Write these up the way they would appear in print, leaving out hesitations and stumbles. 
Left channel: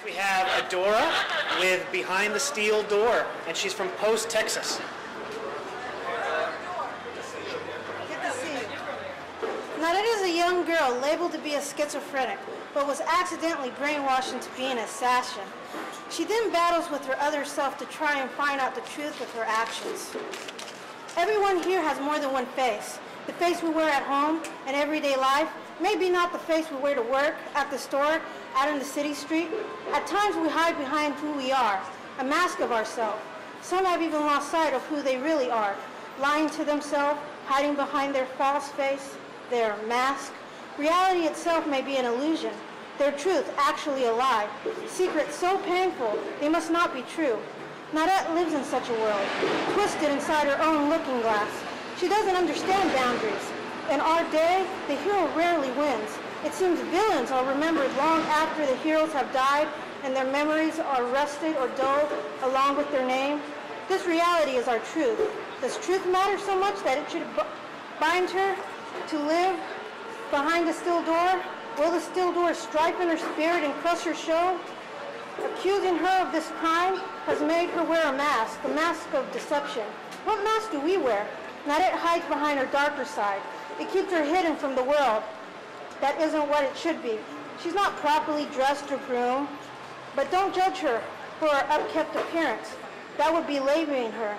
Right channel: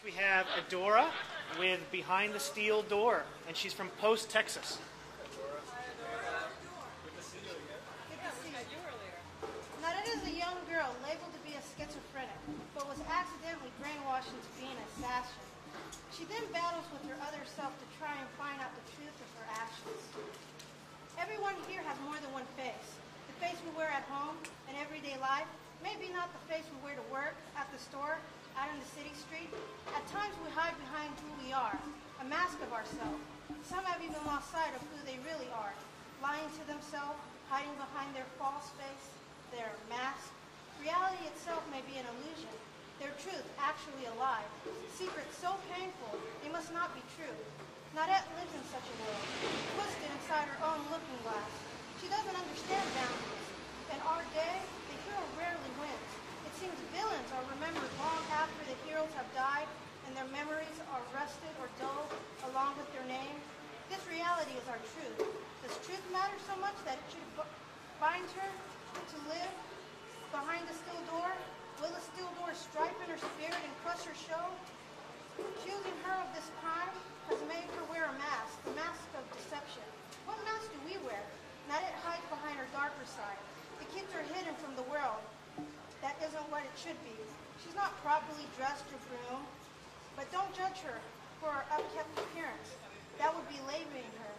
Next we have Adora with Behind the Steel Door, and she's from Post, Texas. Good to see you. Now that is a young girl labeled to be a schizophrenic, but was accidentally brainwashed into being an assassin. She then battles with her other self to try and find out the truth of her actions. Everyone here has more than one face. The face we wear at home and everyday life, maybe not the face we wear to work, at the store, out in the city street. At times we hide behind who we are, a mask of ourselves. Some have even lost sight of who they really are, lying to themselves, hiding behind their false face, their mask. Reality itself may be an illusion, their truth actually a lie. Secrets so painful, they must not be true. Nadette lives in such a world, twisted inside her own looking glass. She doesn't understand boundaries. In our day, the hero rarely wins. It seems villains are remembered long after the heroes have died and their memories are rusted or dulled along with their name. This reality is our truth. Does truth matter so much that it should bind her to live behind a steel door? Will the steel door stripe in her spirit and crush her soul? Accusing her of this crime has made her wear a mask of deception. What mask do we wear? Nadette hides behind her darker side. It keeps her hidden from the world. That isn't what it should be. She's not properly dressed or groomed, but don't judge her for her upkept appearance. That would be labeling her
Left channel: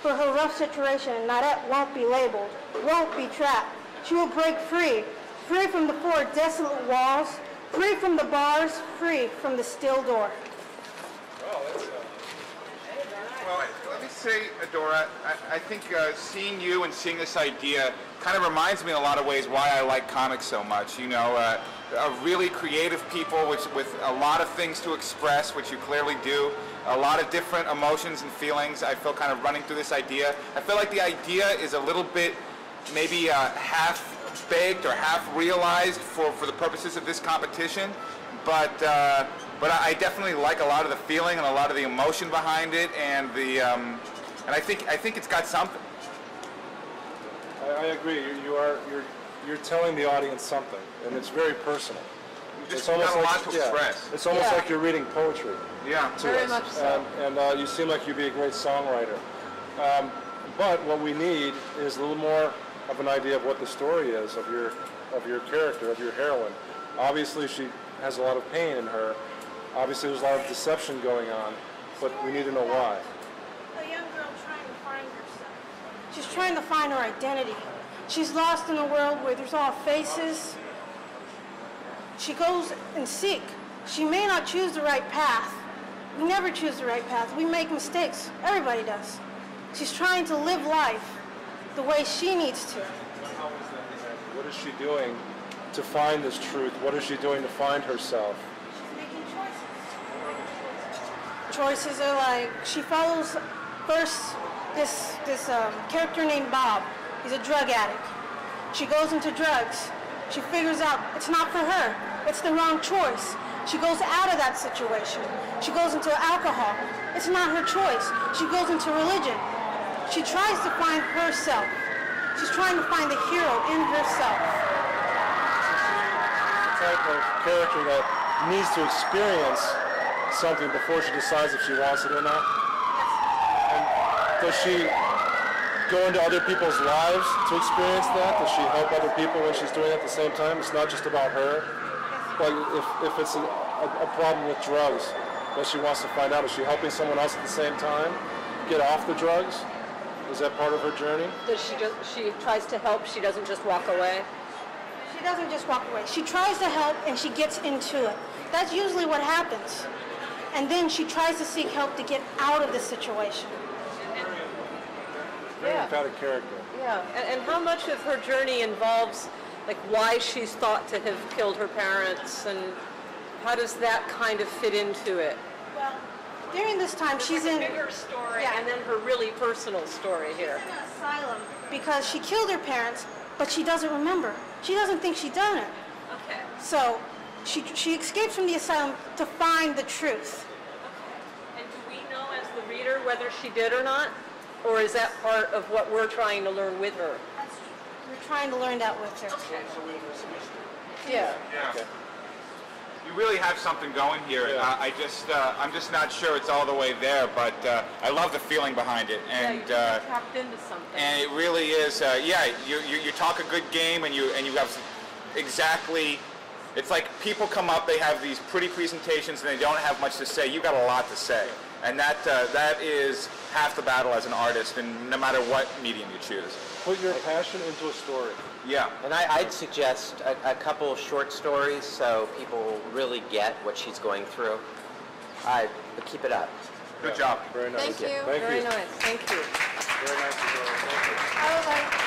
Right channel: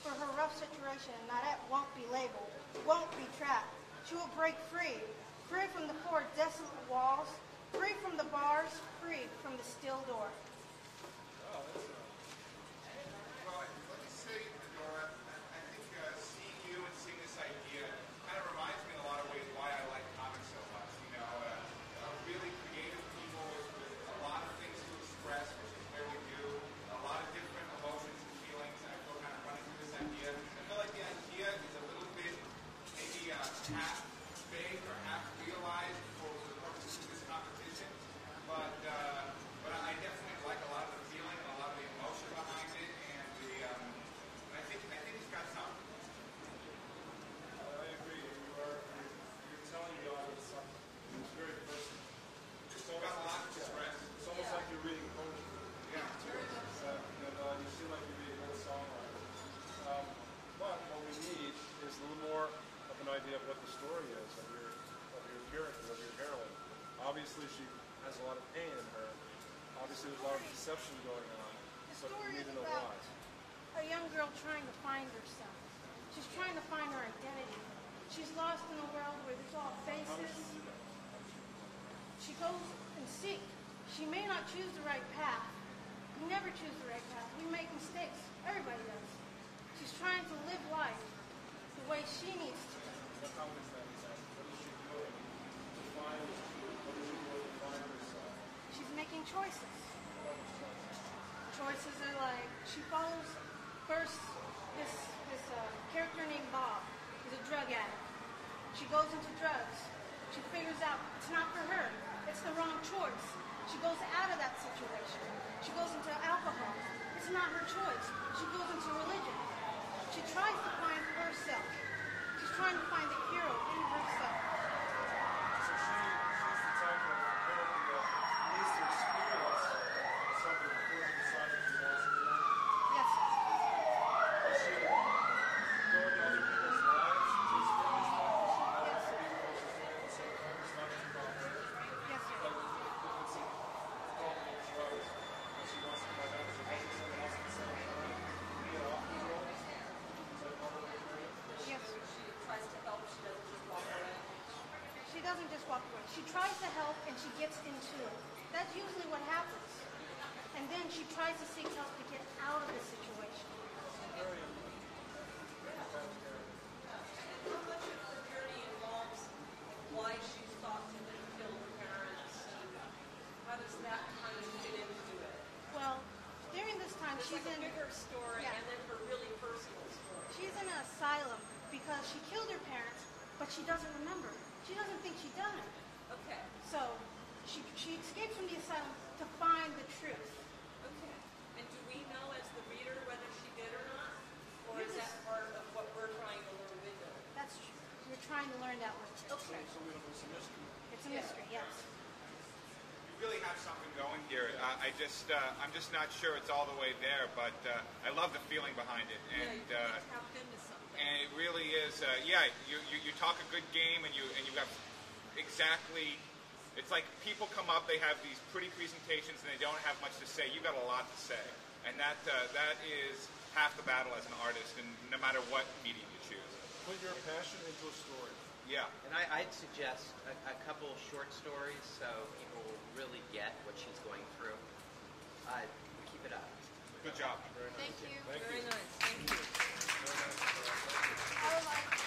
for her rough situation. Nadette won't be labeled, won't be trapped. She will break free, free from the four desolate walls, free from the bars, free from the steel door. Well, let me say, Adora, I think seeing you and seeing this idea kind of reminds me in a lot of ways why I like comics so much. You know, really creative people with a lot of things to express, which you clearly do, a lot of different emotions and feelings. I feel kind of running through this idea. I feel like the idea is a little bit maybe half-baked or half-realized for the purposes of this competition, but I definitely like a lot of the feeling and a lot of the emotion behind it, and and I think it's got something. I agree. You're telling the audience something, and it's very personal. It's almost got a lot to express. It's almost like you're reading poetry. Yeah, very much so. And you seem like you'd be a great songwriter. But what we need is a little more of an idea of what the story is of your character, of your heroine. Obviously, she has a lot of pain in her. Obviously, there's a lot of deception going on, but we need to know why. A young girl trying to find herself. She's trying to find her identity. She's lost in a world where there's all faces. She goes and seek. She may not choose the right path. We never choose the right path. We make mistakes. Everybody does. She's trying to live life the way she needs to. What is she doing to find this truth? What is she doing to find herself? She's making choices. Choices are like, she follows first this character named Bob. He's a drug addict. She goes into drugs. She figures out it's not for her. It's the wrong choice. She goes out of that situation. She goes into alcohol. It's not her choice. She goes into religion. She tries to find herself. She's trying to find the hero in herself. The type of character that needs to experience something before she decides if she wants it or not. And does she go into other people's lives to experience that? Does she help other people when she's doing it at the same time? It's not just about her. Like if it's a problem with drugs that she wants to find out, is she helping someone else at the same time get off the drugs? Is that part of her journey? Does she tries to help, she doesn't just walk away? She doesn't just walk away. She tries to help and she gets into it. That's usually what happens. And then she tries to seek help to get out of the situation. Very emphatic character. Yeah, and how much of her journey involves like why she's thought to have killed her parents, and how does that kind of fit into it? Well, during this time she's in a bigger story, and then her really personal story here. She's in an asylum because she killed her parents, but she doesn't remember. She doesn't think she done it. Okay. So she escapes from the asylum to find the truth. Okay. And do we know as the reader whether she did or not? Or is that part of what we're trying to learn with her? We're trying to learn that with her. Okay. Yeah. Yeah. Okay. you really have something going here. Yeah. I'm just not sure it's all the way there, but I love the feeling behind it, and you tapped into something. and it really is. You talk a good game, and you have exactly. It's like people come up, they have these pretty presentations, and they don't have much to say. You got a lot to say, and that is half the battle as an artist, and no matter what medium you choose. Put your passion into a story. Yeah. And I'd suggest a couple short stories so people really get what she's going through. But keep it up. Good job. Very nice. Thank you. Thank Very you. nice. Thank you. Very nice. Thank you. I would like